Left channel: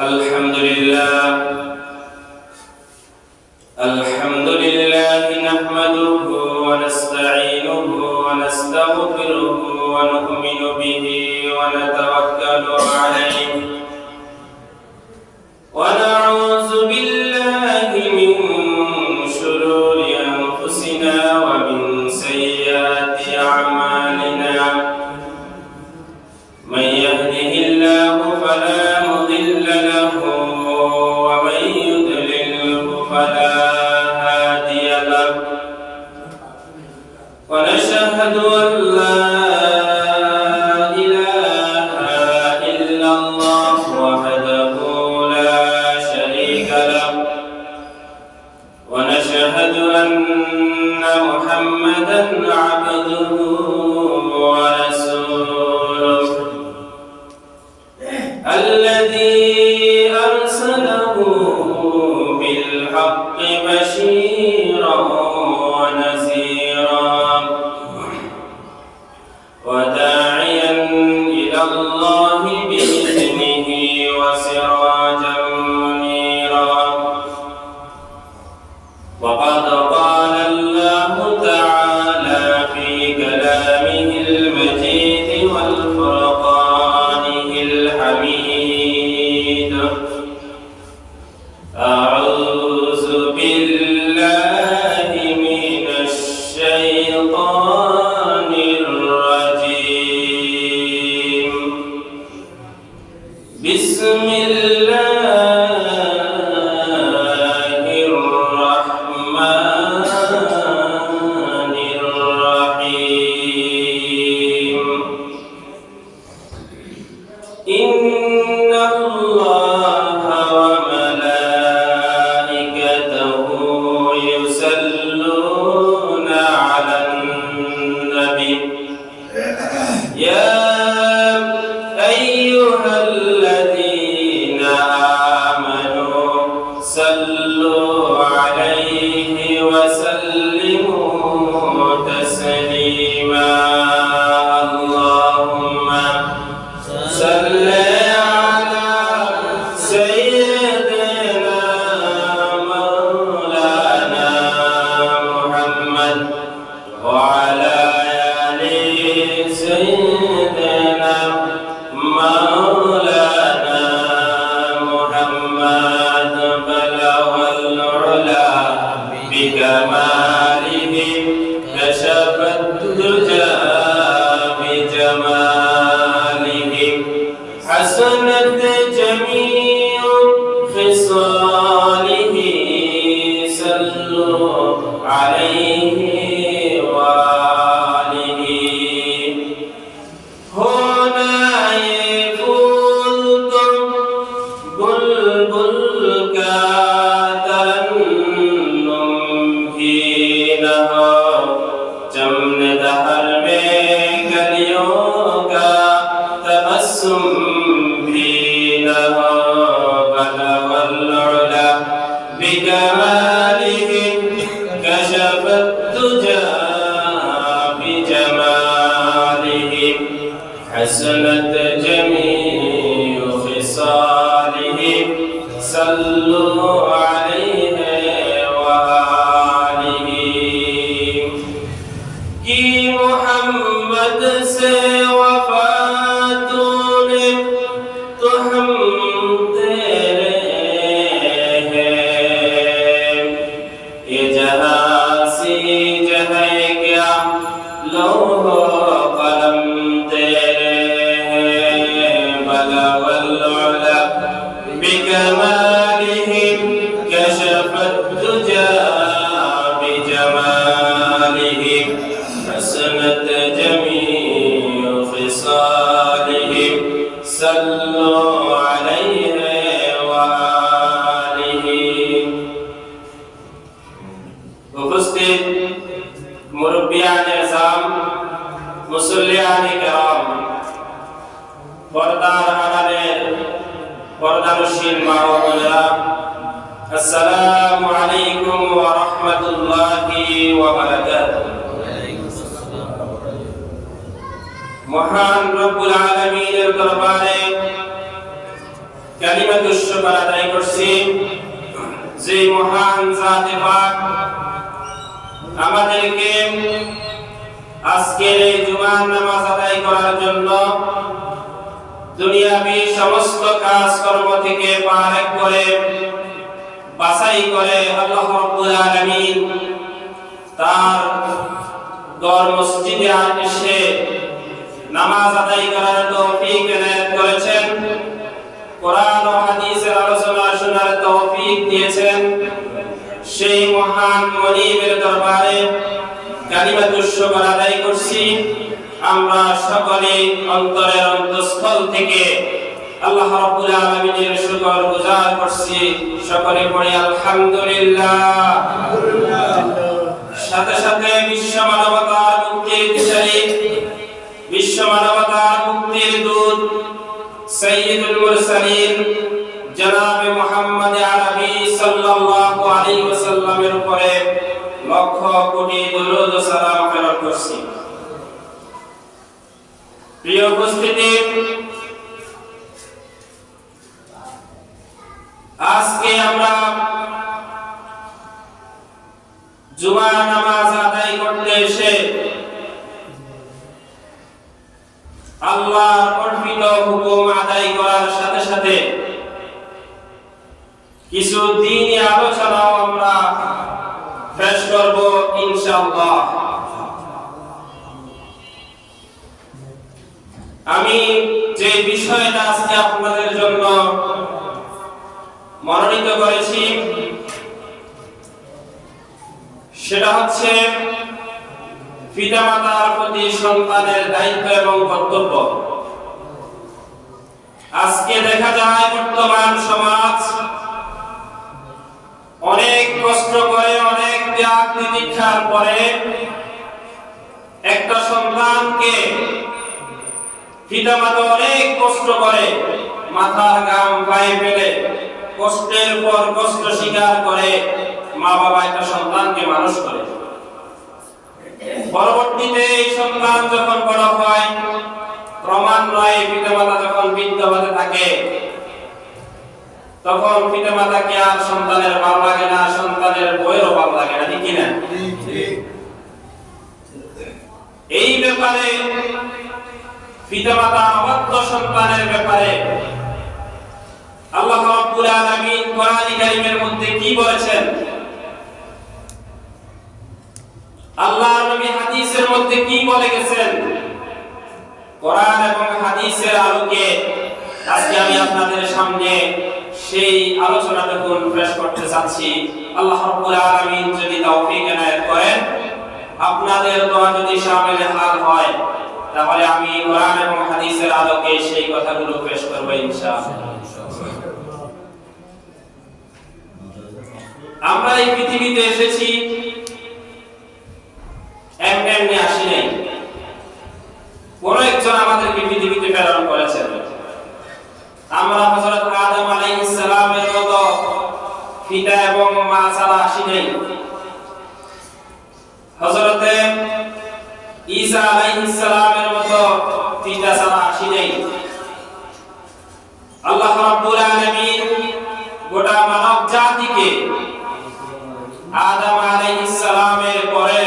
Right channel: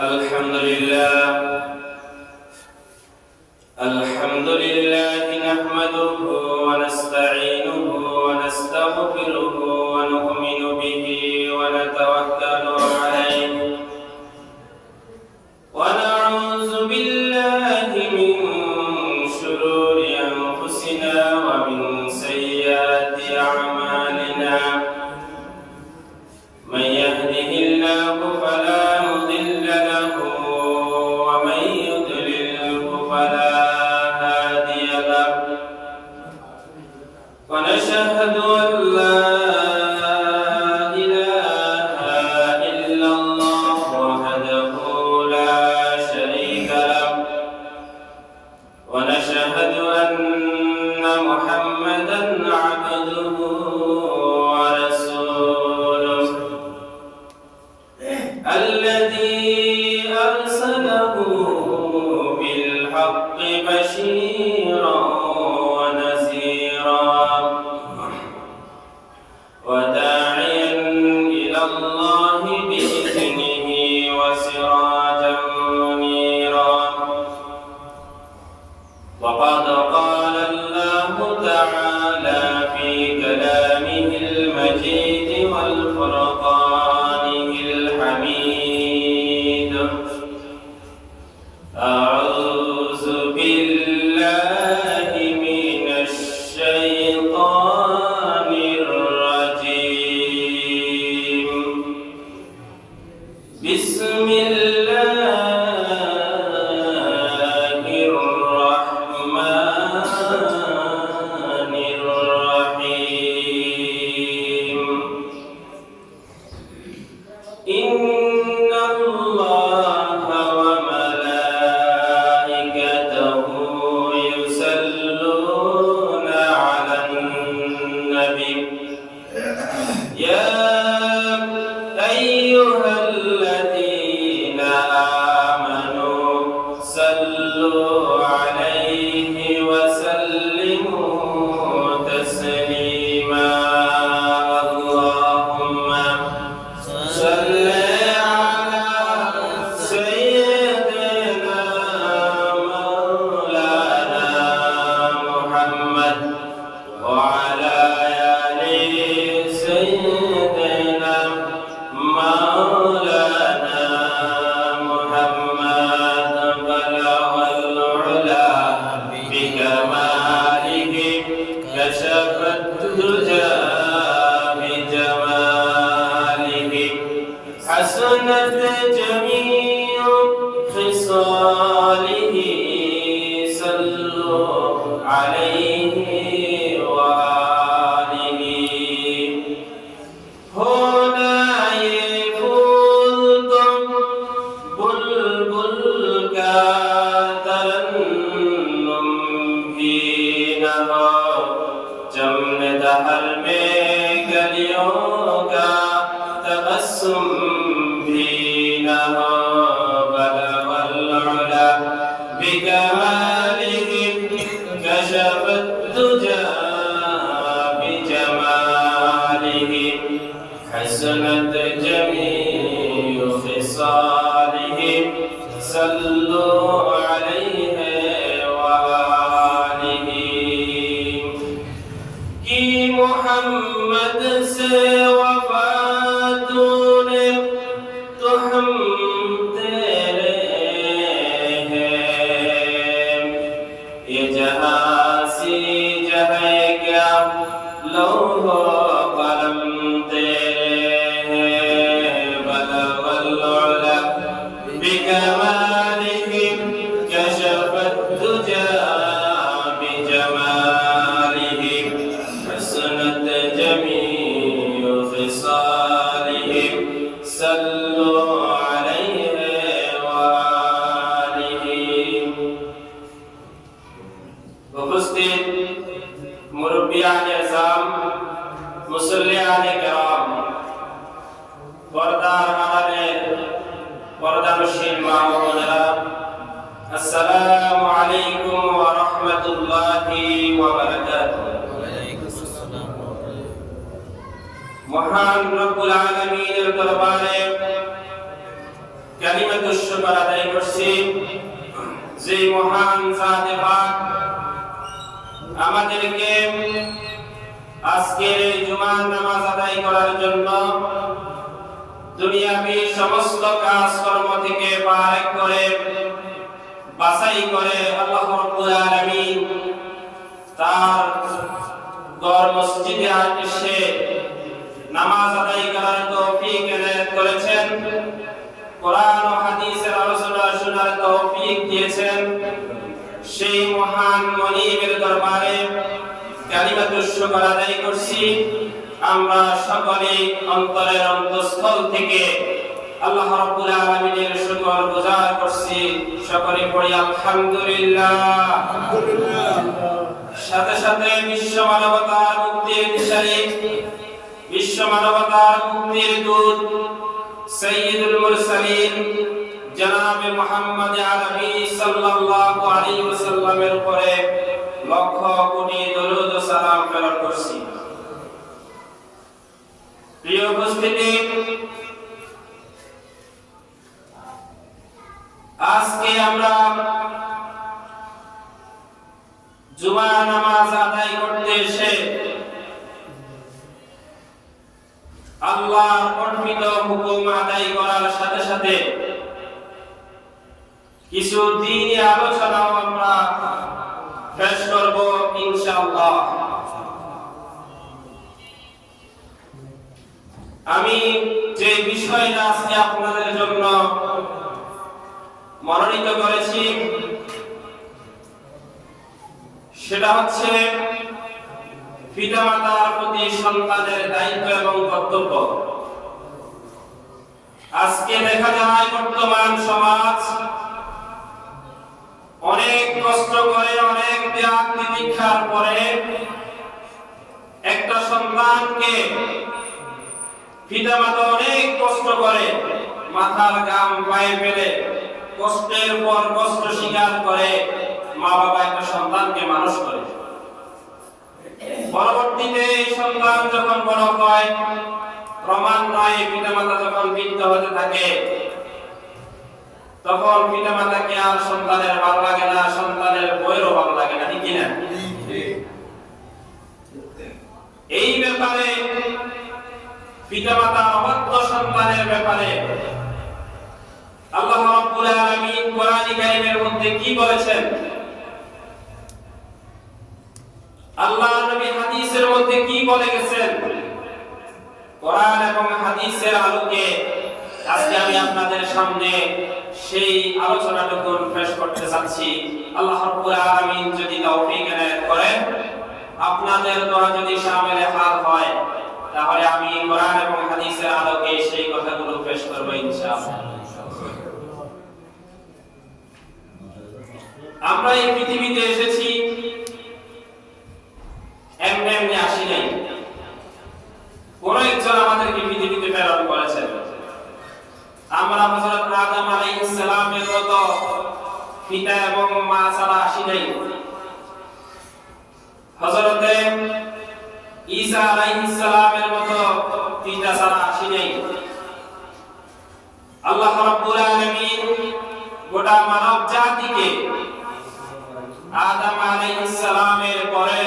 الحمد لله نحمده ونستعينه ونستغفره ونؤمن به ونتوكل عليه ونعوذ بالله من شرور أنفسنا ومن سيئات أعمالنا من يهده الله فلا مضل له ومن يضلله فلا هادي له ونشهد أن لا إله إلا الله وحده لا شريك له ونشهد أن محمدا عبده ورسوله الذي أرسله بالحق بشيرا ونذيرا وداعيا إلى الله بإذنه وسراجا منيرا وقد قال الله تعالى في كلامه المجيد والفرقانه الحميد أعوذ بالله من الشيطان الرجيم بسم الله الرحمن الرحيم إن الله وملائكته يصلون على النبي يا أيها الذين آمنوا صلوا عليه وسلموا تسليما اللهم صل على سيدنا مولانا محمد وعلى آل سيدنا مولانا محمد بلغ العلا بكماله كشف الدجى بجماله حسنت جميع خصاله صلوا عليه وآله هنا يفوز بلبل کا ترنم بھی نہ ہو چمن دہر میں گلیوں کا تبسم بھی نہ ہو بلغ العلا بکمالہ کشف الدجى بجمالہ حسنت جميع خصاله صلوا عليه وآله کی محمد سے وفا تونے تو ہم تیرے ہیں یہ جہاں سی جہاں کیا لوح و قلم بلغ العلا بكماله كشف الدجى بجماله حسنت جميع خصاله صلوا عليه وآله উপস্থিত মুরব্বিয়ান ইজাম মুসল্লিয়ান کرام পর্দার আড়ালে পর্দানশীল মা ও বোনেরা আসসালামু আলাইকুম ওয়া রাহমাতুল্লাহি ওয়া বারাকাতুহু মহান রব্বুল আলামিনের দরবারে কালিমাতুশ শুকর আদায় করছি যে মহান জাতে পাক আমাদেরকে আজকের এই জুমার নামাজ আদায় করার জন্য দুনিয়াবি সমস্ত কাজকর্ম থেকে পাক করে বাছাই করে আল্লাহ রাব্বুল আলামিন তার ঘর মসজিদে এসে নামাজ আদায় করার তৌফিক এনায়েত করেছেন, কোরআন ও হাদিসের আলোচনা শোনার তৌফিক দিয়েছেন। সেই মহান মনিবের দরবারে কালিমাতুশ শুকর আদায় করছি। আমরা সকলে অন্তরের অন্তঃস্থল থেকে আল্লাহ রাব্বুল আলামিনের শুকর গুজার করছি। সকলে পড়ি আলহামদুলিল্লাহ। সাথে সাথে বিশ্ব মানবতার মুক্তির দিশারি, বিশ্ব মানবতার মুক্তির দূত সাইয়্যিদুল মুরসালিন জনাবে মুহাম্মদ আরবি সাল্লাল্লাহু আলাইহি ওয়াসাল্লামের উপরে লক্ষ কোটি দরুদ ও সালাম প্রেরণ করছি। প্রিয় উপস্থিতি, আজকে আমরা জুমা নামাজ আদায় করতে এসে আল্লাহর অর্পিত হুকুম আদায় করার সাথে সাথে কিছু দ্বীনি আলোচনাও আমরা পেশ করব ইনশাআল্লাহ। আমি যে বিষয়টা আজকে আপনাদের জন্য মনোনীত করেছি সেটা হচ্ছে পিতামাতার প্রতি সন্তানের দায়িত্ব এবং কর্তব্য। আজকে দেখা যায় বর্তমান সমাজ অনেক কষ্ট করে, অনেক ত্যাগ তিতিক্ষার পরে একটা সন্তানকে পিতামাতা অনেক কষ্ট করে, মাথার ঘাম পায়ে ফেলে কষ্টের পর কষ্ট স্বীকার করে মা বাবা একটা সন্তানকে মানুষ করে। পরবর্তীতে এই সন্তান যখন বড় হয়, ক্রমান্বয়ে পিতামাতা যখন বৃদ্ধ হতে থাকে, তখন পিতামাতাকে আর সন্তানের ভালো লাগে না, সন্তানের বইয়েরও ভালো লাগে না, ঠিক কিনা? এই ব্যাপারে পিতামাতা অবাধ্য সন্তানের ব্যাপারে আল্লাহ রাব্বুল আলামিন কোরআন কারীমের মধ্যে কি বলেছেন, আল্লাহর নবী হাদিসের মধ্যে কি বলে গেছেন, কোরআন এবং হাদিসের আলোকে আজকে আমি আপনাদের সামনে সেই আলোচনাটুকু পেশ করতে চাচ্ছি। আল্লাহ রাব্বুল আলামিন যদি তৌফিক এনায়েত করেন, আপনাদের দোয়া যদি শামিল হাল হয়, তাহলে আমি কোরআন এবং হাদিসের আলোকে সেই কথাগুলো পেশ করব ইনশাআল্লাহ। আমরা এই পৃথিবীতে এসেছি এমনি আসি নাই। কোন একজন আমাদেরকে পৃথিবীতে প্রেরণ করেছেন। আমরা হযরত আদম আলাইহিস সালামের মতো পিতা এবং মা ছাড়া আসি নাই। হযরত ঈসা আলাইহিস সালামের মতো পিতা ছাড়া আসি নাই। আল্লাহ রাব্বুল আলামিন গোটা মানব জাতিকে আদম আলাইহিস সালামের পরে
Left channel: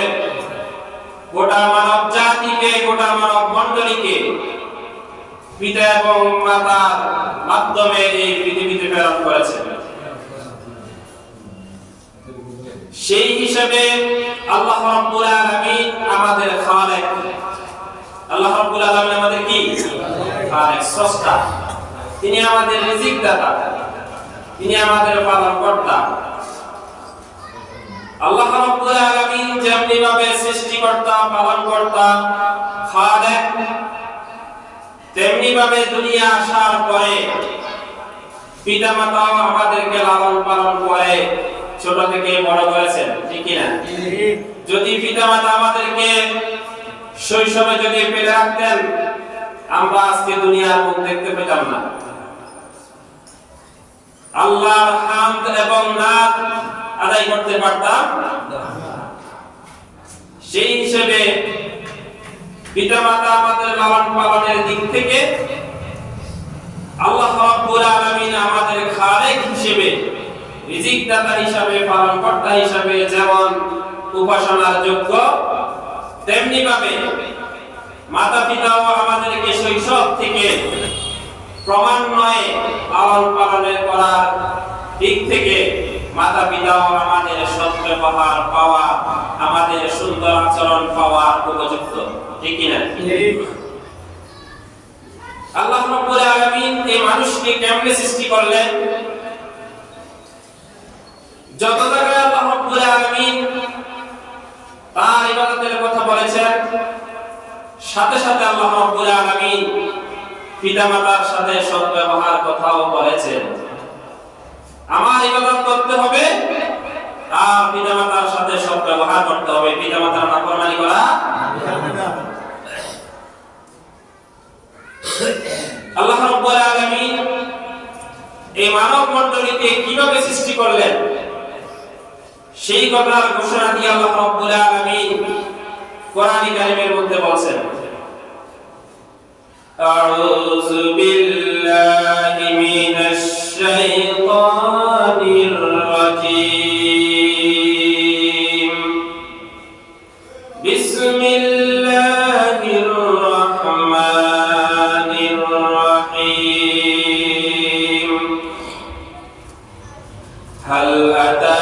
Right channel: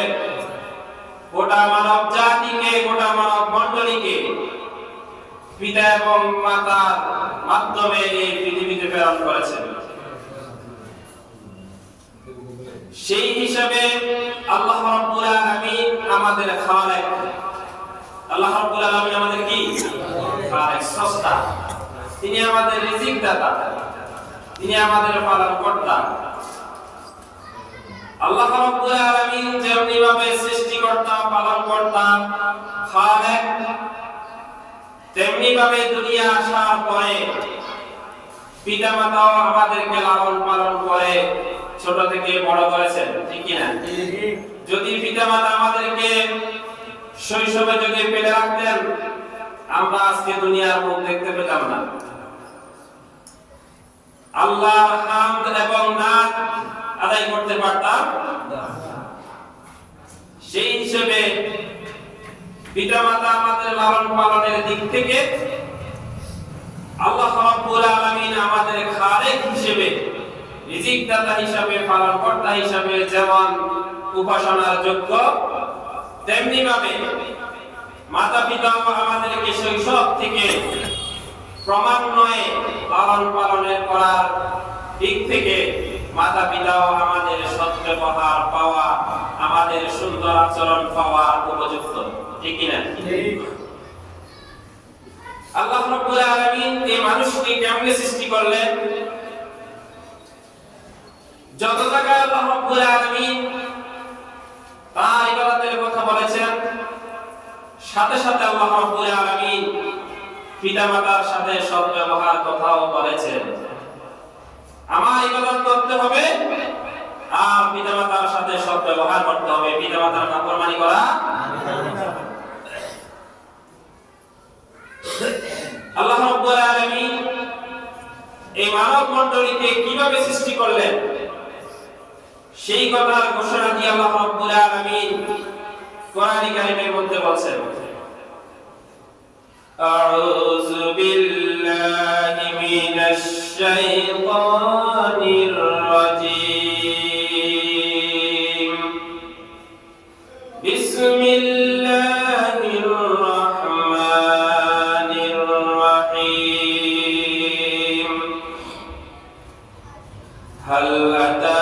গোটা মানব জাতিকে, গোটা মানব মণ্ডলীকে পিতা এবং মাতার মাধ্যমে এই পৃথিবীতে প্রেরণ করেছেন। সেই হিসাবে আল্লাহ রাব্বুল আলামিন আমাদের খালেক। আল্লাহ রাব্বুল আলামিন আমাদের কি? খালেক, স্রষ্টা। তিনি আমাদের রিজিক দাতা, তিনি আমাদের পালনকর্তা। আল্লাহ রাব্বুল আলামিন যেমনি ভাবে সৃষ্টিকর্তা, পালনকর্তা, খালেক, তেমনি ভাবে দুনিয়া আসার পরে পিতামাতাও আমাদেরকে লালন পালন করে ছোট থেকে বড় করেছেন, ঠিক কি না? যদি পিতামাতা আমাদেরকে শৈশবে যদি ফেলে রাখতেন, আমরা আজকে দুনিয়ার মুখ দেখতে পেতাম না। আল্লাহর হামদ এবং নাত আদায় করতে পারতাম না। সেই হিসেবে পিতামাতা আমাদের লালন পালনের দিক থেকে আল্লাহ রাব্বুল আলামিন আমাদের খালেক হিসেবে, রিজিক দাতা হিসেবে, পালনকর্তা হিসেবে যেমন উপাসনার যোগ্য, তেমনি ভাবে মাতা পিতাও আমাদেরকে শৈশব থেকে ক্রমান্বয়ে লালন পালনের করার দিক থেকে মাতা পিতাও আমাদের সৎ ব্যবহার পাওয়া, আমাদের সুন্দর আচরণ পাওয়ার উপযুক্ত, ঠিক কিনা? আল্লাহ রাব্বুল আলামিন এই মানুষকে কেমনে সৃষ্টি করলেন? যত জায়গায় আল্লাহ রাব্বুল আলামিন তার ইবাদতের কথা বলেছেন, সাথে সাথে আল্লাহ রাব্বুল আলামিন পিতামাতার সাথে সৎ ব্যবহার কথাও বলেছেন। আমার ইবাদত করতে হবে আর পিতামাতার সাথে সৎ ব্যবহার করতে হবে, পিতামাতার নাফরমানি করা। আল্লাহ রাব্বুল আলামিন এই মানব মণ্ডলীকে কিভাবে সৃষ্টি করলেন সেই কথার ঘোষণা দিয়ে আল্লাহ রাব্বুল আলামিন কোরআন কারীমের মধ্যে বলেন, আউযু বিল্লাহি মিনাশ শাইতানির রাজীম, বিসমিল্লাহির রাহমানির রাহিম, হাল আতা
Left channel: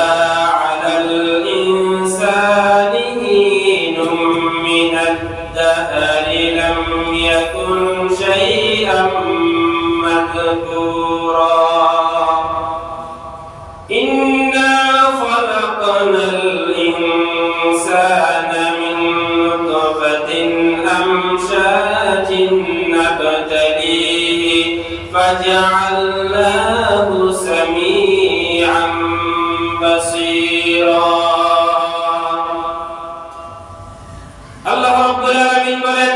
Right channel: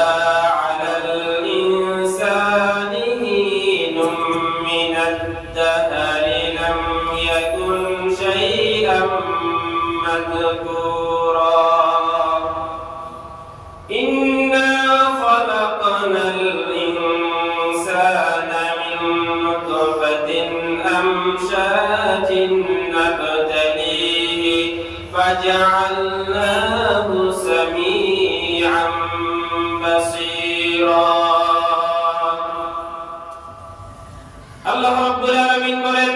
فجعلناه سميعا بصيرا। আল্লাহ রাব্বুল আলামিন বলেন,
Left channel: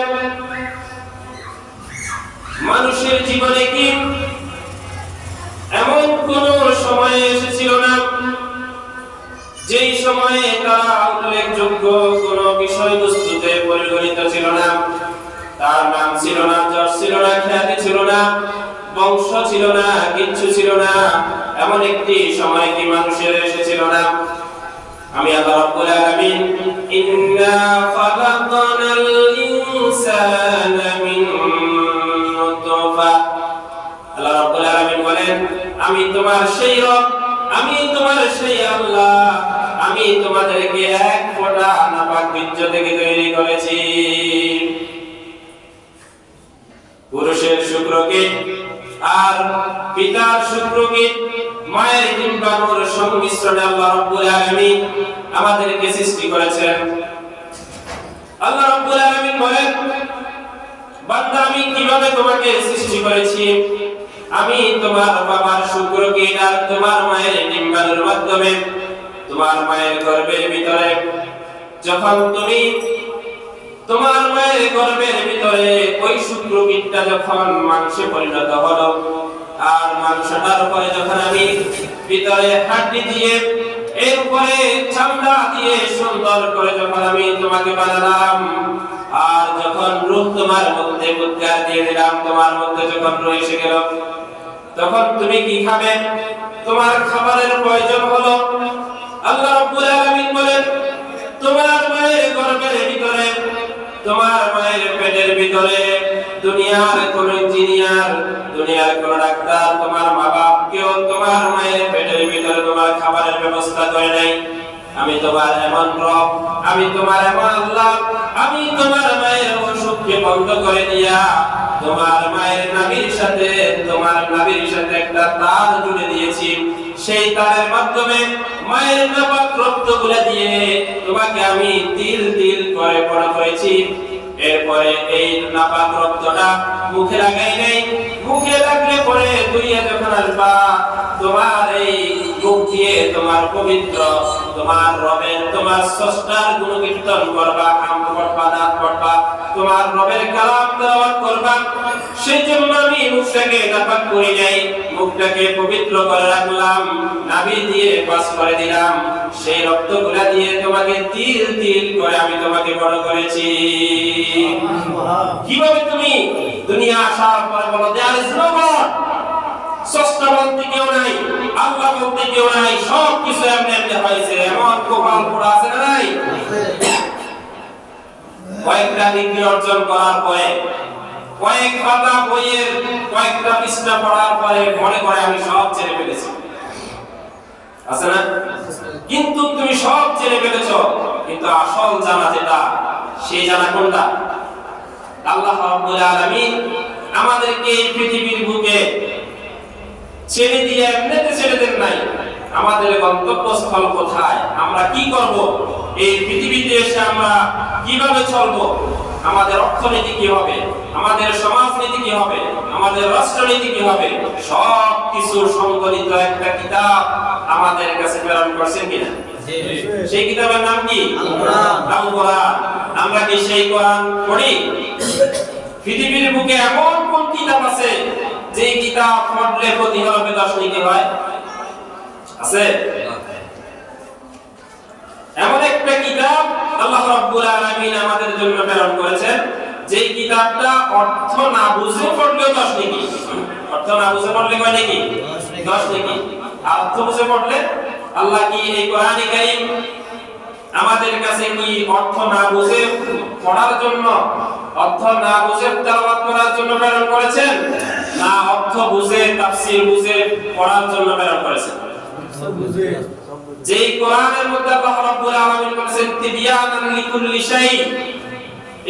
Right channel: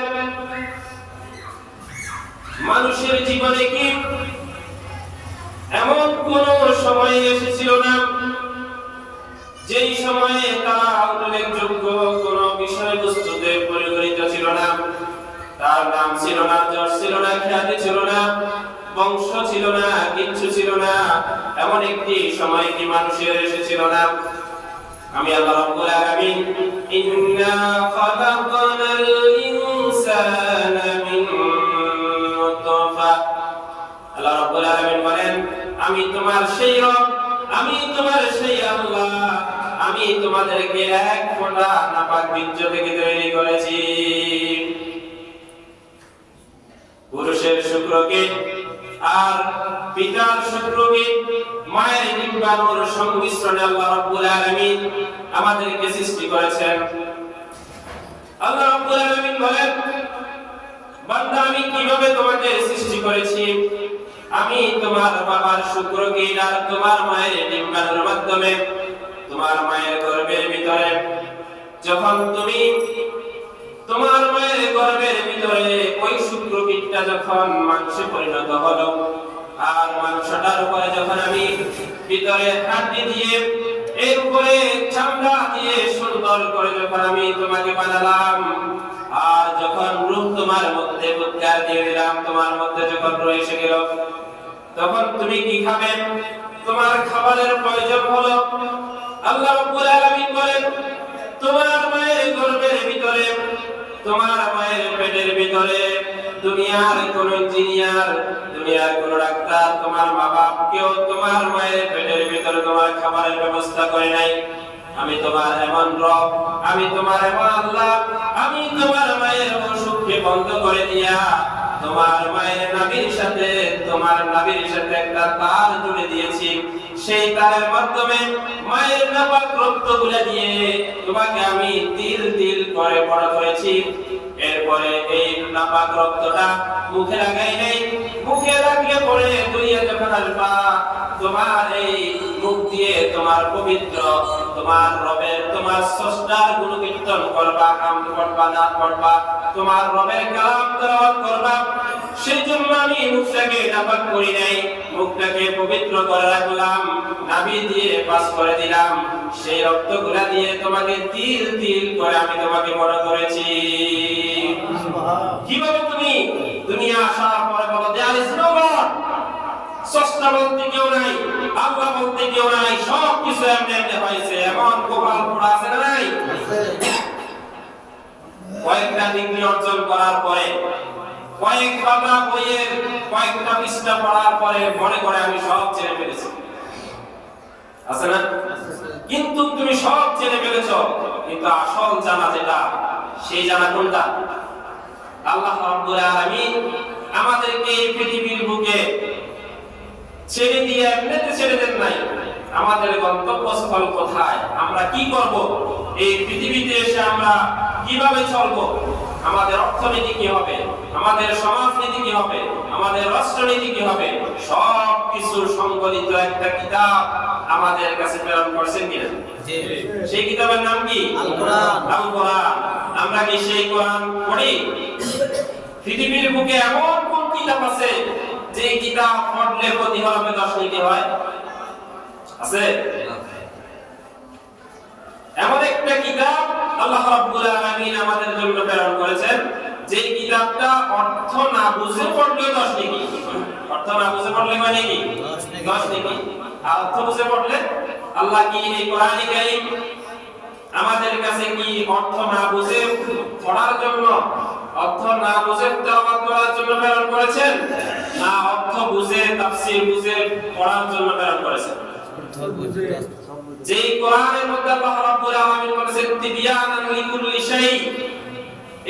মানুষের জীবনে কি এমন কোন সময় এসেছিল না যেই সময়ে তারা উল্লেখযোগ্য কোন বিষয়বস্তুতে পরিগণিত ছিল না, তার নাম ছিল না, যশ ছিল না, খ্যাতি ছিল না, বংশ ছিল না, কিচ্ছু ছিল না, এমন একটি সময় কি মানুষের এসেছিল না? আমি আল্লাহ রাব্বুল আলামিন ইন্না খালাকনাল ইনসানা মিন নুতফা, আল্লাহ রাব্বুল আলামিন বলেন, আমি তোমার সেই রব, আমি তোমার সেই আল্লাহ, আমি তোমাদেরকে এক ফোঁটা নাপাক বীর্য থেকে তৈরি করেছি। পুরুষের শুক্রকে আর পিতার শুক্রকে মায়ের ডিম্বাণুর সংমিশ্রণে আল্লাহ রাব্বুল আলামিন আমাদেরকে সৃষ্টি করেছেন। আল্লাহ রাব্বুল আলামিন বলেন, বান্দা আমি কিভাবে তোমাকে সৃষ্টি করেছি? আমি তোমার বাবার শুক্রকে আর তোমার মায়ের ডিম্বাণুর মাধ্যমে তোমার মায়ের গর্ভের ভিতরে, যখন তুমি তোমার মায়ের গর্ভের ভিতরে ওই শুক্রকিটটা যখন মাংসে পরিণত হলো, আর মাংসটার উপরে যখন আমি ভিতরে হাড্ডি দিয়ে এর উপরে চামড়া দিয়ে সুন্দর করে যখন আমি তোমাকে বানালাম, আর যখন রূপ তোমার মধ্যে উদ্গার দিয়ে দিলাম, তোমার মধ্যে যখন রয়েছে গেল, তখন তুমি কি খাবে? তোমার খাবারের প্রয়োজন হলো। আল্লাহ রাব্বুল আলামিন বলেন, তোমার মায়ের গর্ভের ভিতরে, তোমার মায়ের পেটের ভিতরে দুনিয়ার কোন ইঞ্জিনিয়ার, দুনিয়ার কোন ডাক্তার, তোমার মা বাপ কেউ তোমার মায়ের পেটের ভিতরে তোমার খাবারের ব্যবস্থা করে নাই। আমি তোমার এমন রব, আমি তোমার এমন আল্লাহ, আমি তোমার মায়ের অসুখকে বন্ধ করে দিয়া তোমার মায়ের নাভির সাথে, তোমার নাভির সাথে একটা তার জুড়ে দিয়েছি। সেই তারের মাধ্যমে মায়ের নাপাক রক্তগুলো দিয়ে তোমাকে আমি তিল তিল করে বড় করেছি। এরপরে এই নাপাক রক্তটা মুখে লাগাই নাই, মুখে লাগলে পরে দুইয়ে যখন আসবা, তোমার এই মুখ দিয়ে তোমার পবিত্র, তোমার রবের, তোমার স্রষ্টার গুণকীর্তন করবা, আম করবা, নাচ করবা, তোমার রবের কালাম তেলাওয়াত করবা। সেই জন্য আমি মুখটাকে নাপাক করি নাই, মুখটাকে পবিত্র করে রাখলাম, নাভি দিয়ে পাস করে দিলাম। সেই রক্তগুলা দিয়ে তোমাকে তিল তিল করে আমি তোমাকে বড় করেছি। কিভাবে তুমি দুনিয়া আসার পরে বলো দেয়ার ইজ নো গড, স্রষ্টা বলতে কেউ নাই, আল্লাহ বলতে কেউ নাই, সব কিছু এমনি এমনি হয়েছে। এমন কপাল পোড়া আছে না নাই? কয়েকটা ডিগ্রি অর্জন করার পরে, কয়েক পাতা বইয়ের কয়েকটা পৃষ্ঠা পড়ার পরে মনে করে আমি সব ছেড়ে ফেলেছি, আছে না? কিন্তু তুমি সব ছেড়ে ফেলেছো, কিন্তু আসল জানা যেটা, সেই জানা কোনটা? আল্লাহ রাব্বুল আলামিন আমাদেরকে এই পৃথিবীর বুকে ছেড়ে দিয়ে এমনিতে ছেড়ে দেন নাই। আমাদের গন্তব্যস্থল কোথায়, আমরা কি করব, এই পৃথিবীতে এসে আমরা কিভাবে চলবো, আমাদের অর্থনীতি কি হবে, আমাদের সমাজনীতি কি হবে, আমাদের রাষ্ট্রনীতি কি হবে, সব কিছু সংকলিত একটা কিতাব আমাদের কাছে প্রেরণ করেছেন কিনা? সেই কিতাবের নাম কি? আল কোরআন। আমরা কি সেই কোরআন পড়ি? পৃথিবীর বুকে এমন কোন কিতাব আছে যে কিতাব পড়লে প্রতি হরফে 10 নেকি হয়? আছে? এমন একটা কিতাব আল্লাহ রাব্বুল আলামিন আমাদের জন্য প্রেরণ করেছেন, যে কিতাবটা অর্থ না বুঝে পড়লেও 10 নেকি। অর্থ না বুঝে পড়লে কয় নেকি? 10 নেকি। আর অর্থ বুঝে পড়লে, আল্লাহ কি এই কোরআনে কারীম আমাদের কাছে কি অর্থ না বুঝে পড়ার জন্য, অর্থ না বুঝে তেলাওয়াত করার জন্য প্রেরণ করেছেন, না অর্থ বুঝে তাফসীর বুঝে পড়ার জন্য প্রেরণ করেছেন? যেই কোরআনের মধ্যে আল্লাহ রাব্বুল আলামিন বলেছেন তিবিয়ানান লিকুল্লি শাই,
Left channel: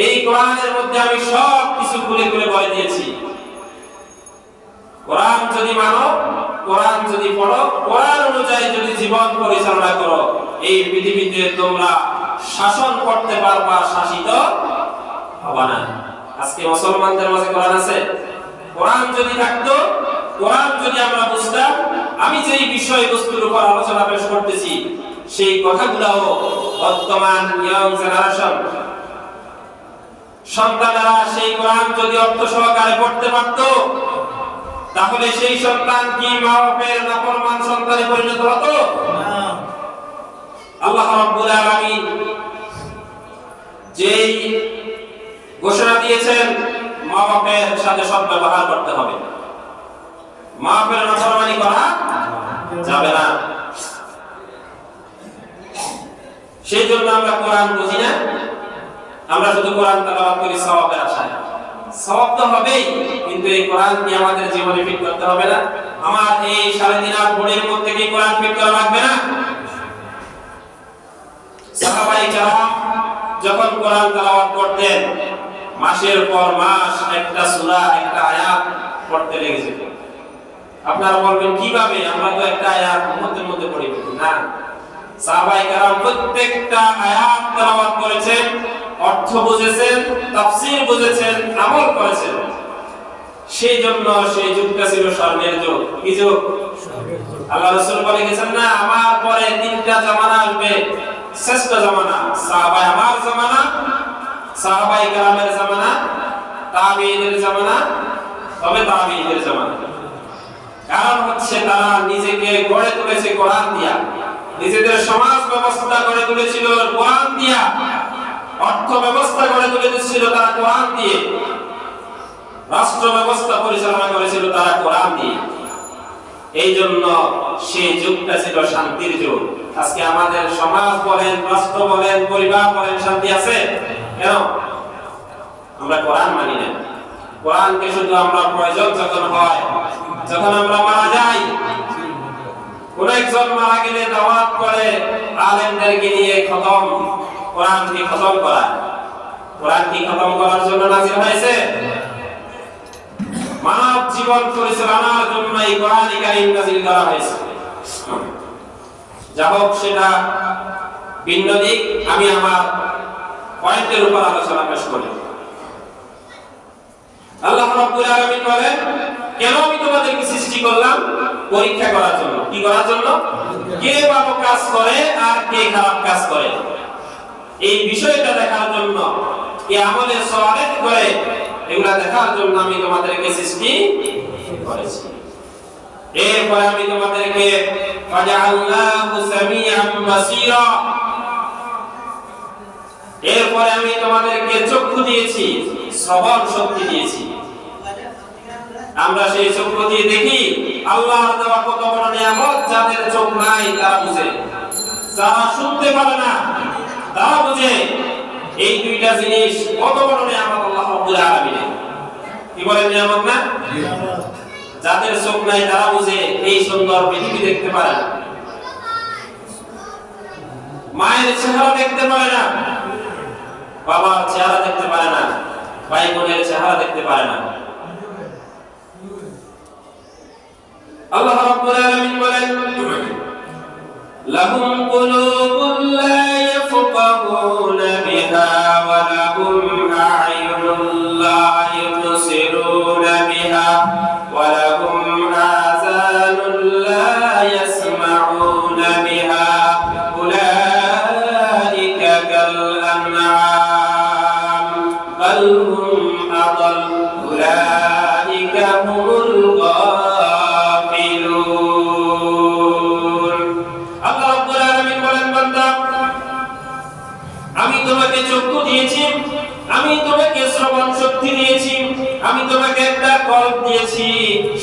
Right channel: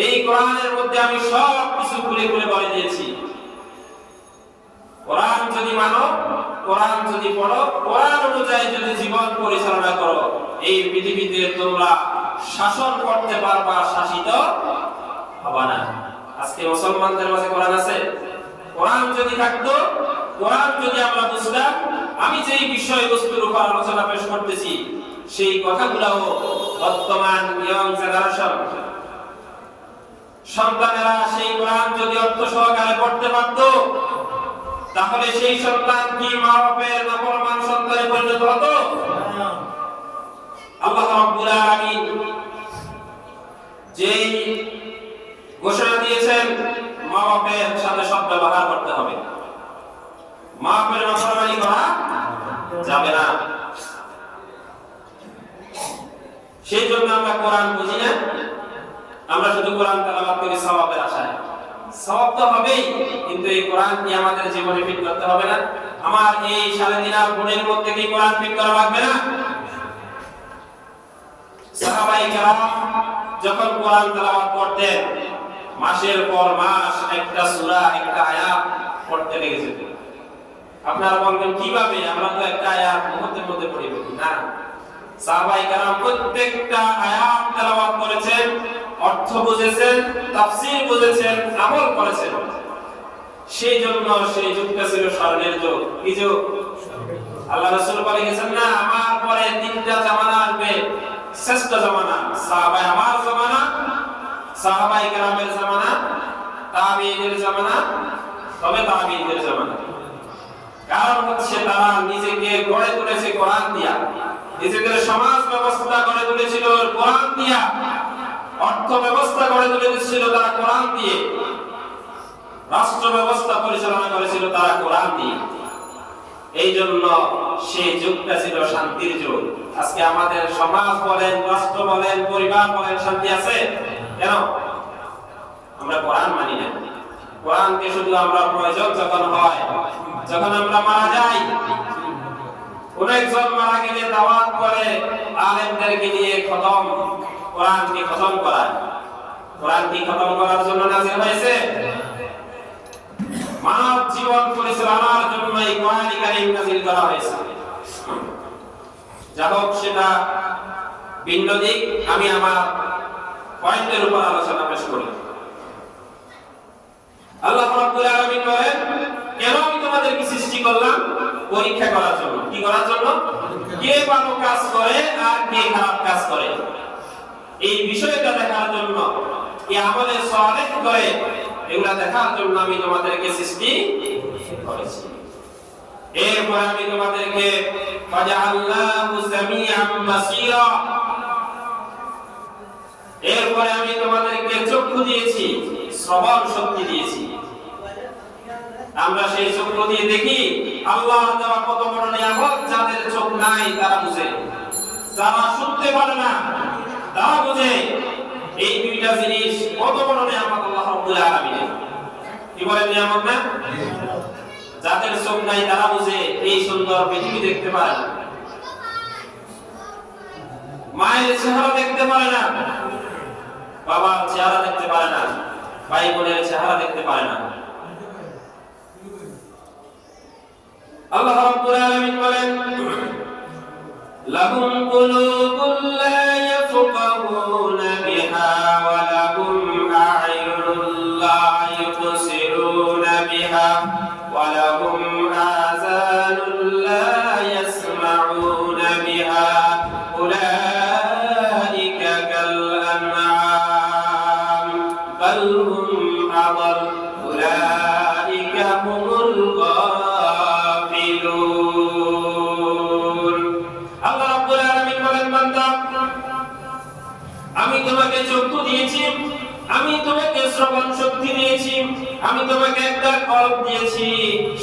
এই কোরআনের মধ্যে আমি সব কিছু খুলে খুলে বলে দিয়েছি। কোরআন যদি মানো, কোরআন যদি পড়ো, কোরআন অনুযায়ী যদি জীবন পরিচালনা করো, এই পৃথিবীতে তোমরা শাসন করতে পারবা, শাসিত হবে না। আজকে মুসলমানদের মাঝে কোরআন আছে? কোরআন যদি থাকতো, কোরআন যদি আমরা বুঝতাম, আমি যেই বিষয়বস্তুর উপর আলোচনা পেশ করতেছি সেই কথাগুলো বর্তমান ইয়ং জেনারেশন সন্তানেরা সেই কোরআন যদি অর্থ সহকারে পড়তে পারত, তাহলে সেই সন্তান কি মা বাপের নাফরমান সন্তানে পরিণত হতো? আল্লাহ রাব্বুল আলামিন যেই ঘোষণা দিয়েছেন মা বাপের সাথে সদ্ব্যবহার করতে হবে, মা বাপের নাফরমানি করা যাবে না। সেই জন্য আমরা কোরআন বুঝি না, আমরা শুধু কোরআন তেলাওয়াত করি সওয়াবের আশায়। সওয়াব তো হবেই, কিন্তু এই কোরআন কি আমাদের জীবনে ফিট করতে হবে না? আমার এই 3.5 বডির মধ্যে কি কোরআন ফিট করা লাগবে না? সাহাবায়ে কেরাম যখন কোরআন তেলাওয়াত করতেন, মাসের পর মাস একটা সূরা, একটা আয়াত পড়তে লেগে যেত। আপনারা বলবেন কিভাবে, আমরা তো একটা আয়াত মধ্যে মধ্যে পড়ি না। সাহাবায়ে কেরাম প্রত্যেকটা আয়াত তেলাওয়াত করেছেন, অর্থ বুঝেছেন, তাফসীর বুঝেছেন, আমল করেছেন। সেই জন্য সেই যুগটা ছিল স্বর্ণের যুগ। কি যুগ? আল্লাহ রাসূল বলে গেছেন না, আমার পরে 3টা জামানা আসবে, শ্রেষ্ঠ জামানা। সাহাবায়ে আমার জামানা, সাহাবায়ে কেরামের জামানা, তাবিঈনের জামানা, তবে তাবিঈনের জামানা। কারণ হচ্ছে তারা নিজেকে গড়ে তুলেছে কোরআন দিয়া, নিজেদের সমাজ ব্যবস্থা গড়ে তুলেছিল কোরআন দিয়া, অর্থ ব্যবস্থা গড়ে তুলেছিল তারা কোরআন দিয়ে, রাষ্ট্র ব্যবস্থা পরিচালনা করেছিল তারা কোরআন দিয়ে। এই জন্য সেই যুগটা ছিল শান্তির যুগ। আজকে আমাদের সমাজ বলেন, রাষ্ট্র বলেন, পরিবার বলেন, শান্তি আছে কেন? আমরা কোরআন মানি না। কোরআনকে শুধু আমরা প্রয়োজন যখন হয়, যখন আমরা মারা যাই, কোন একজন মারা গেলে দাওয়াত করে আলেমদেরকে নিয়ে খতম, কোরআনকে খতম করা। কোরআন কি খতম করার জন্য নাযিল হয়েছে? মানব জীবন পরিচালনার জন্য এই কোরআন কারীম নাযিল করা হয়েছে। যা হোক, সেটা ভিন্ন দিক। আমি আমার পয়েন্টের উপর আলোচনা পেশ করি। আল্লাহ রাব্বুল আলামিন বলেন, কেন আমি তোমাদেরকে সৃষ্টি করলাম? পরীক্ষা করার জন্য। কি করার জন্য? কে ভালো কাজ করে আর কে খারাপ কাজ করে, এই বিষয়টা দেখার জন্য, কে আমলে সালেহ করে, এগুলা দেখার জন্য আমি তোমাদেরকে সৃষ্টি করেছি। এরপরে আমি তোমাদেরকে ফাজআলনাহু সামিআন বাসীরা, এরপরে আমি তোমাদেরকে চক্ষু দিয়েছি, শ্রবণ শক্তি দিয়েছি। আমরা সেই চক্ষু দিয়ে দেখি আল্লাহর দেওয়া কত বড় নিয়ামত। যাদের চোখ নাই তারা বুঝে, যারা শুনতে পারে না তারা বুঝে এই দুইটা জিনিস কত বড় নিয়ামত আল্লাহ রাব্বুল আলামিনের। কি বলেন, নিয়ামত না? যাদের চোখ নাই তারা বুঝে এই সুন্দর পৃথিবী দেখতে পারে না, মায়ের চেহারা দেখতে পারে না, বাবার চেহারা দেখতে পারে না, ভাই বোনের চেহারা দেখতে পারে না। আল্লাহ রাব্বুল আলামিন বলেন, লাহুম কুলুবুন লা ইয়াফকাহুনা বিহা ওয়া লাহুম আ'য়ুনুন লা ইউবসিরুনা বিহা ওয়া লাহুম আযানুন লা ইয়াসমা'উনা বিহা উলাইকা কাল আন'আম বাল হুম আদাল উলাইকা হুমুল আমি তোমাকে চক্ষু দিয়েছি, আমি তোমাকে শ্রবণ শক্তি দিয়েছি, আমি তোমাকে একটা কল্প দিয়েছি,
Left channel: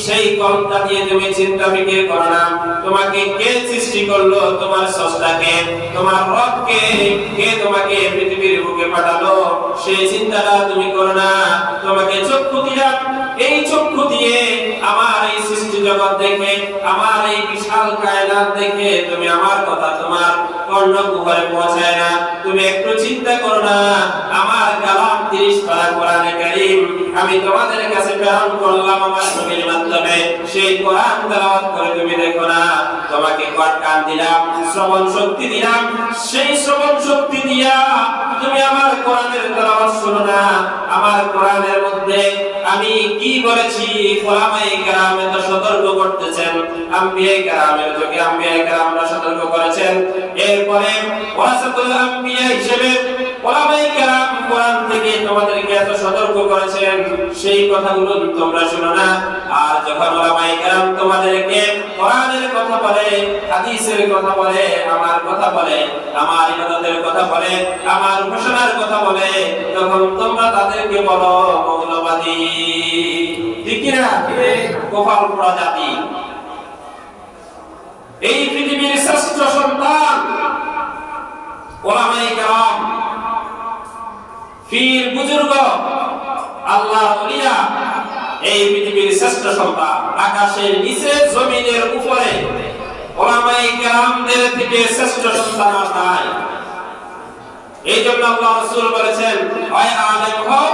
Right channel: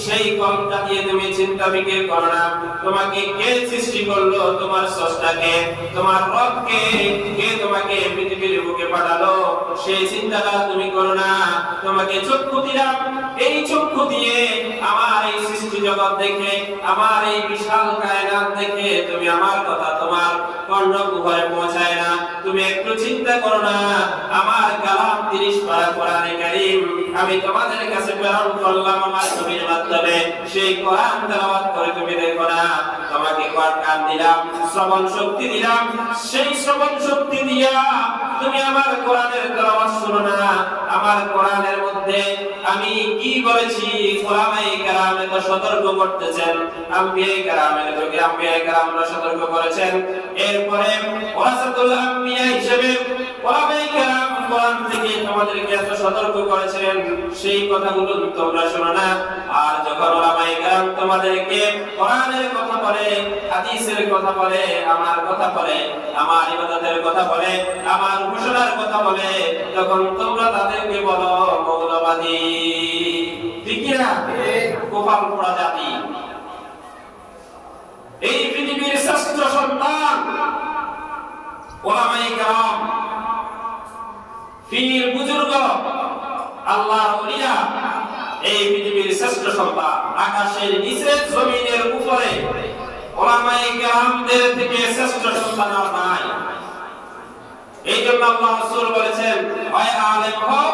সেই কল্পটা দিয়ে তুমি চিন্তা ফিকির করো না। তোমাকে কে সৃষ্টি করলো? তোমার স্রষ্টাকে, তোমার রবকে। কে তোমাকে পৃথিবীর বুকে পাঠালো? সেই চিন্তাটা তুমি করো না। তোমাকে চক্ষু দিলাম, এই চক্ষু দিয়ে আমার এই সৃষ্টি জগৎ দেখে, আমার এই বিশাল কায়নাত দেখে তুমি আমার কথা তোমার কর্ণকুহরে পৌঁছায় না। তুমি একটু চিন্তা করো না, আমার কালাম 30 পারা কোরআনে কারীম আমি তোমাদের কাছে প্রেরণ করলাম আমার নবীর মাধ্যমে। সেই কোরআন তেলাওয়াত করে তুমি দেখো না। তোমাকে কান দিলাম, শ্রবণ শক্তি দিলাম, সেই শ্রবণ শক্তি দিয়া তুমি আমার কোরআনের তেলাওয়াত শোনো না। আমার কোরআনের মধ্যে আমি কি বলেছি ওলামায়ে কেরাম এত সতর্ক করতেছেন, আম্বিয়ায়ে কেরামের যুগে আম্বিয়ায়ে কেরামরা সতর্ক করেছেন। এরপরে ওয়ারাসাতুল আম্বিয়া হিসেবে ওলামায়ে কেরাম কোরআন থেকে তোমাদেরকে এত সতর্ক করেছেন, সেই কথাগুলো তোমরা শোনো না। আর যখন ওলামায়ে কেরাম তোমাদেরকে কোরআনের কথা বলে, হাদিসের কথা বলে, আমার কথা বলে, আমার ইবাদতের কথা বলে, আমার উপাসনার কথা বলে, তখন তোমরা তাদেরকে বলো মৌলবাদী। ঠিক কি না? কপাল পোড়া জাতি। এই পৃথিবীর শ্রেষ্ঠ সন্তান ওলামায়ে কেরাম, পীর বুজুর্গ, আল্লাহর ওলিয়া, এই পৃথিবীর শ্রেষ্ঠ সন্তান। আকাশের নিচে জমিনের উপরে ওলামায়ে কেরামদের থেকে শ্রেষ্ঠ সন্তান আর নাই। এই জন্য আল্লাহ রাসূল বলেছেন, হয় আলেম হও,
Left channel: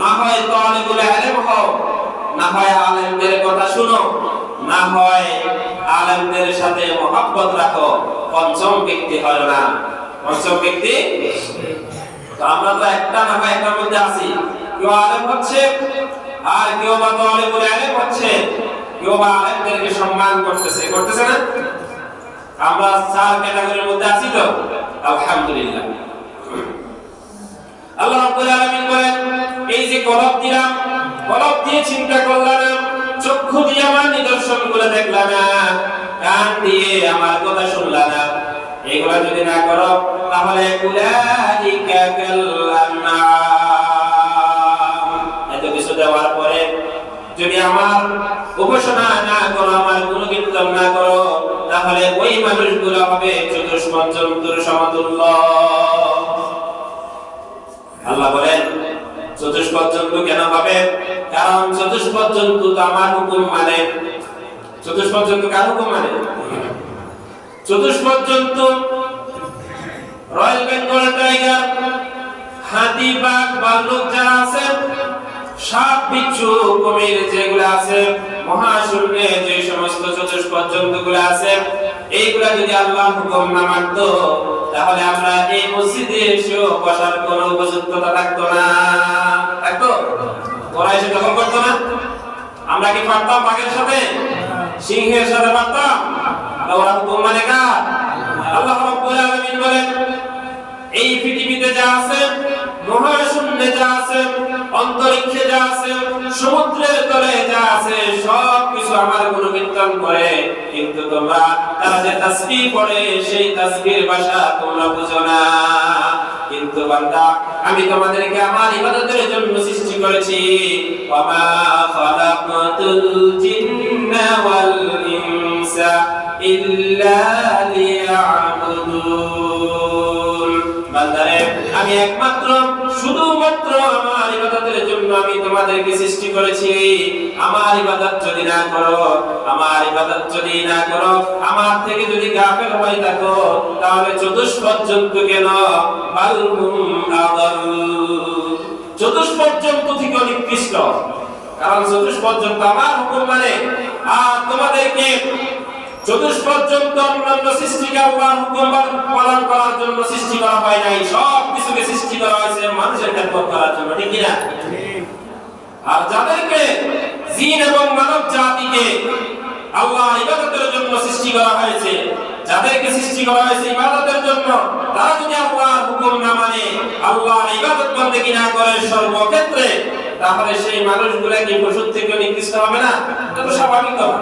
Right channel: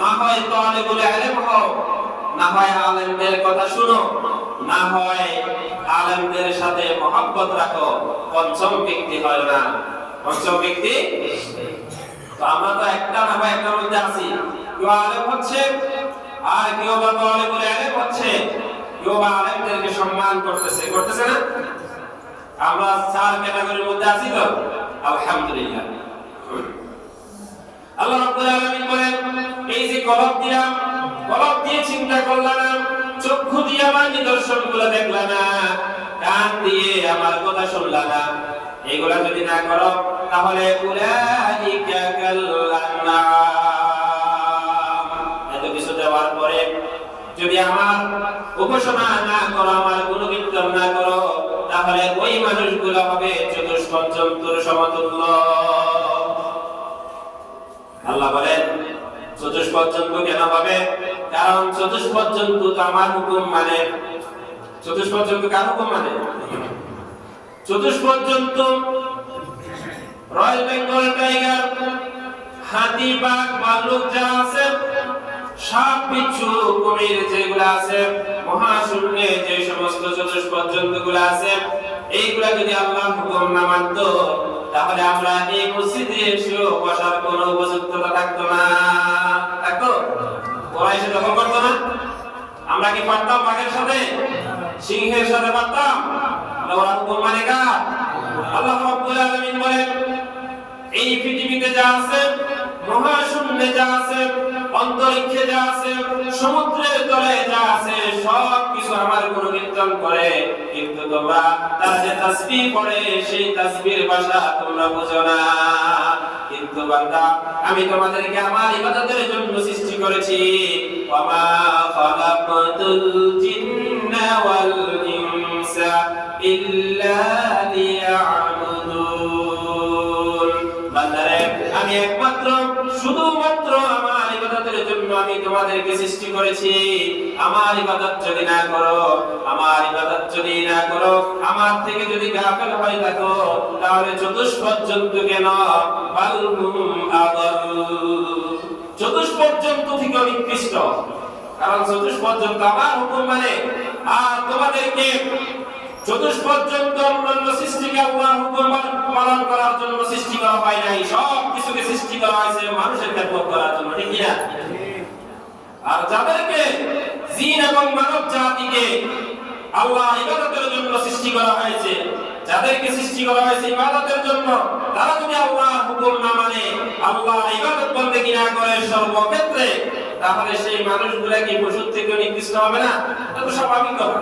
না হয় তালিবুল ইলম হও, না হয় আলেমদের কথা শুনো, না হয় আলেমদের সাথে মহব্বত রাখো। পঞ্চম ব্যক্তি হয় না। পঞ্চম ব্যক্তি তো আমরা তো একটা না হয় একটার মধ্যে আছি। কেউ আলেম হচ্ছে আর কেউ বা তালিবুল ইলম হচ্ছে, কেউ বা আলেমদেরকে সম্মান করতেছে, করতেছে না? আমরা চার ক্যাটাগরির মধ্যে আছি তো, আলহামদুলিল্লাহ। আল্লাহ রাব্বুল আলামিন বলেন, এই যে কলব দিলাম, কলব দিয়ে চিন্তা করলাম না, চক্ষু দিয়ে আমার নিদর্শনগুলো দেখলাম না, কান দিয়ে আমার কথা শুনলাম না, এগুলা যদি না করো তাহলে উলাইকা কাল আন'আম। এত কিছু দেওয়ার পরে যদি আমার উপাসনা না করো, আমার গুণকীর্তন না করো, তাহলে ওই মানুষগুলো হবে চতুষ্পদ জন্তুর সমতুল্য। আল্লাহ বলেন চতুষ্পদ জন্তু কেন হবে? কারণ চতুষ্পদ জন্তু তো আমার হুকুম মানে। চতুষ্পদ জন্তু কার হুকুম মানে? চতুষ্পদ জন্তু রয়্যাল বেঙ্গল টাইগার, হাতি, বাঘ, ভাল্লুক যারা আছে, সাপ, বিচ্ছু, কুমির যেগুলো আছে, মহাশূন্যে যে সমস্ত চতুষ্পদ জন্তুগুলো আছে, এইগুলা যদি আল্লাহর হুকুম না মানতো তাহলে আমরা এই মসজিদে এসেও বসার কোনো উপযুক্ততা থাকতো না। থাকতো? ওরা এসে দখল করতো না? আমরা কি পারতাম বাঘের সাথে, সিংহের সাথে পারতাম? ওরা হুকুম মানে কার? আল্লাহ রাব্বুল আলামিন বলেন, এই পৃথিবীতে যা আছে, মহাশূন্যে যা আছে, অন্তরিক্ষে যা আছে, সমুদ্রের তলে যা আছে, সব কিছু আমার গুণকীর্তন করে। কিন্তু তোমরা তারা যে তাসবিহ পড়ে, সেই তাসবিহের ভাষা তোমরা বুঝো না। কিন্তু বান্দা আমি তোমাদেরকে আমার ইবাদতের জন্য সৃষ্টি করেছি। ওয়া মা খালাকাতুল জিন্না ওয়াল ইনসা ইল্লা লিয়াবুদুন। বান্দারে আমি একমাত্র শুধুমাত্র আমার ইবাদতের জন্য আমি তোমাদেরকে সৃষ্টি করেছি। আমার ইবাদত যদি না করো, আমার ইবাদত যদি না করো, আমার থেকে যদি গাফিল হয়ে থাকো, তাহলে চতুষ্পদ জন্তু কেন বালহুম আদাল, চতুষ্পদ জন্তু থেকে নিকৃষ্ট। কারণ চতুষ্পদ জন্তু আমার হুকুম মানে, আর তোমাদেরকে চতুষ্পদ জন্তু অন্যান্য সৃষ্টিকে আল্লাহর হুকুম পালন করার জন্য সৃষ্টি করা হয় নাই। সব কিছুকে সৃষ্টি করা হয়েছে মানুষের খেদমত করার জন্য, ঠিক কিনা? আর যাদেরকে জিন এবং মানব জাতিকে আল্লাহর ইবাদতের জন্য সৃষ্টি করা হয়েছে, যাদেরকে সৃষ্টি করা হয়েছে ইবাদতের জন্য, তারা যদি আল্লাহর হুকুম না মানে, আল্লাহর ইবাদত বন্দেগী না করে সর্বক্ষেত্রে, তাহলে সেই মানুষগুলা কি পশুর থেকে নিকৃষ্ট হবে না? এটা তো স্বাভাবিক কথা।